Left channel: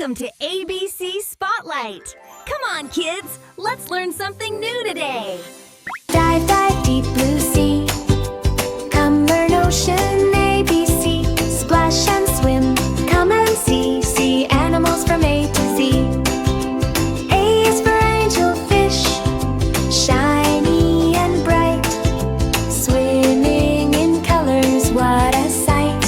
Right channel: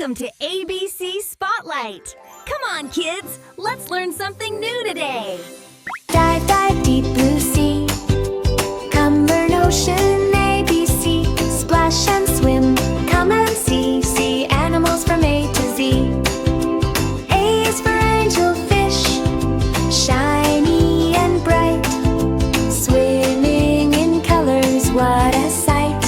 Welcome to ABC Spotlight. Come on, kids, let's learn something new today. Dive, dive, deep blue sea. Come learn ocean ABC. Splash and swim, come and see. See animals from A to Z. A is for angelfish, shiny and bright. Swimming in colors, what a sight.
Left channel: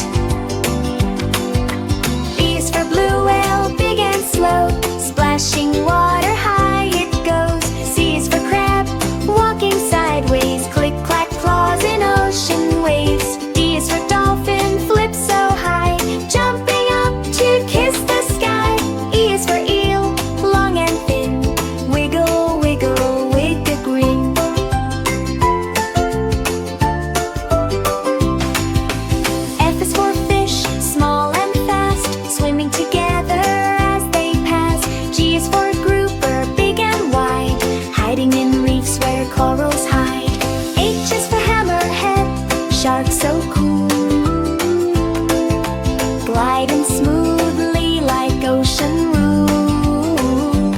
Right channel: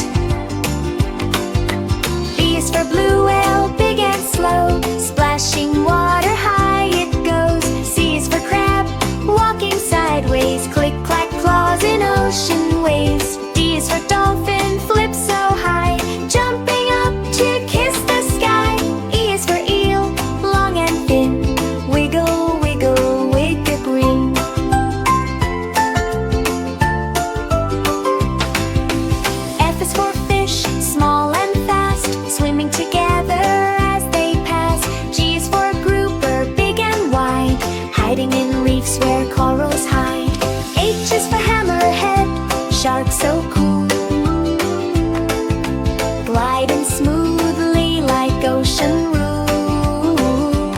B is for blue whale, big and slow. Splashing water, high it goes. C is for crab, walking sideways. Click, clack, claws in ocean waves. D is for dolphin, flip so high. Jumping up to kiss the sky. E is for eel, long and thin. Wiggle, wiggle, wig a grin. F is for fish, small and fast. Swimming together as they pass. G is for grouper, big and wide. Hiding in reefs where corals hide. H is for hammerhead, shark so cool. Gliding smoothly like ocean rule.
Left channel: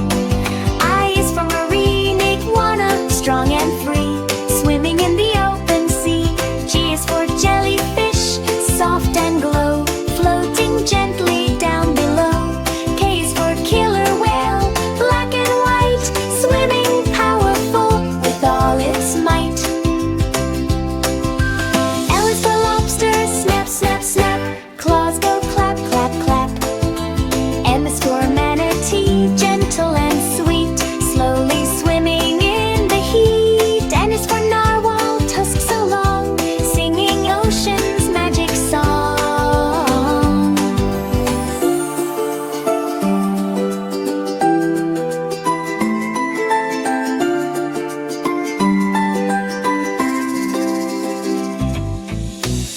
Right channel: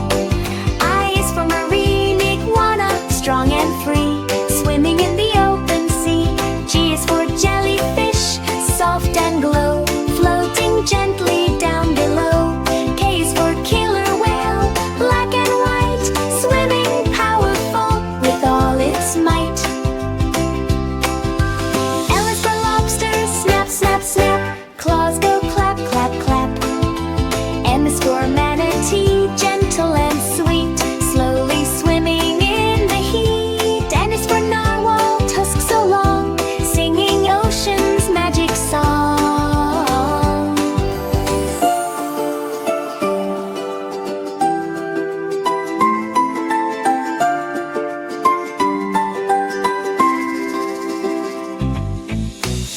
I is for marine iguana, strong and free. Swimming in the open sea. G is for jellyfish, soft and glow. Floating gently down below. K is for killer whale, black and white. Swimming powerful with all its might. L is for lobster, snap, snap, snap. Claws go clap, clap, clap. M is for manatee, gentle and sweet. Slowly swimming in the heat. N is for narwhal, tusk so long. Singing ocean's magic song.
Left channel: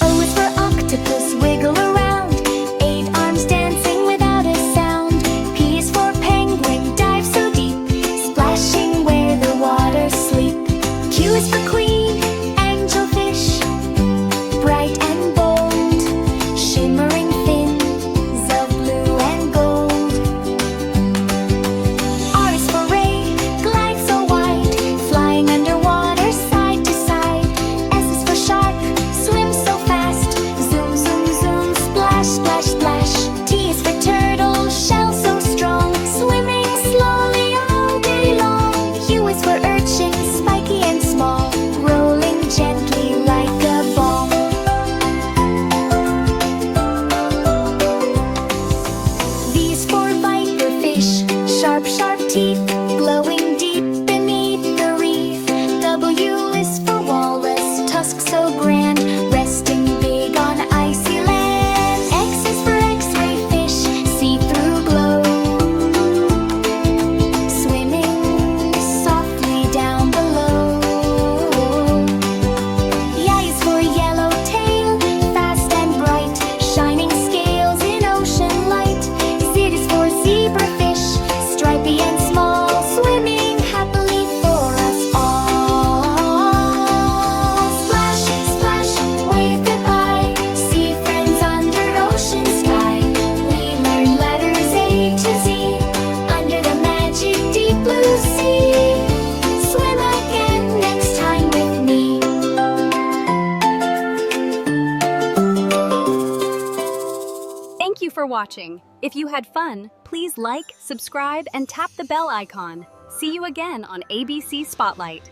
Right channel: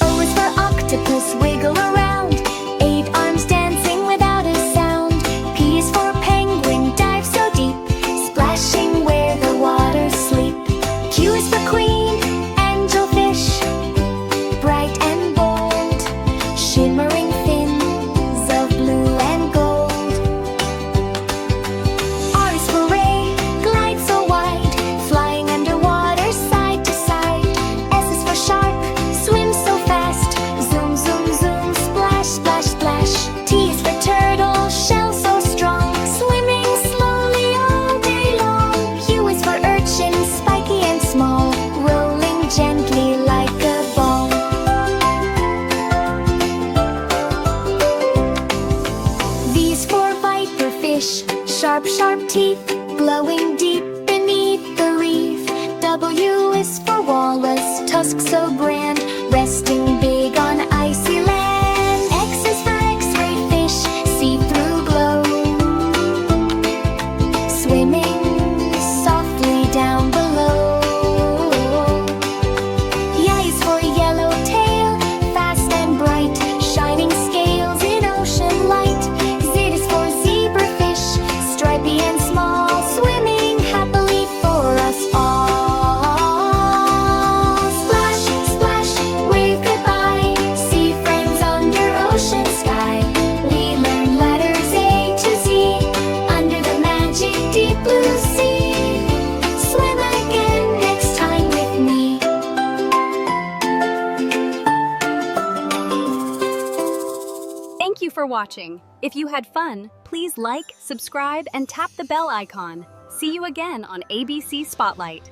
O is for octopus, wiggle around. 8 arms dancing without a sound. P is for penguin, dive so deep. Splashing where the waters sleep. Q is for queen, angelfish, bright and bold. Shimmering fins of blue and gold. R is for ray, glide so wide. Flying underwater side to side. S is for shark, swim so fast. Zoom, zoom, zoom, splash, splash, splash. T is for turtle, shell so strong. Swimming slowly all day long. U is for urchin, spiky and small. Rolling gently like a ball. V is for viper fish, sharp, sharp teeth. Glowing deep beneath the reef. W is for walrus, tusk so grand. Resting big on icy land. X is for x-ray fish, see-through glow. Swimming softly down below. Y is for yellowtail, fast and bright. Shining scales in ocean light. Z is for zebrafish, stripy and small. Swimming happily for us all. Splash, splash, wave goodbye. See friends under ocean sky. We learn letters A to Z. Under the magic deep blue sea. Swim again next time with me. Thank you for watching. If you had fun, please like, subscribe, and tap the bell icon. See you again on ABC Spotlight.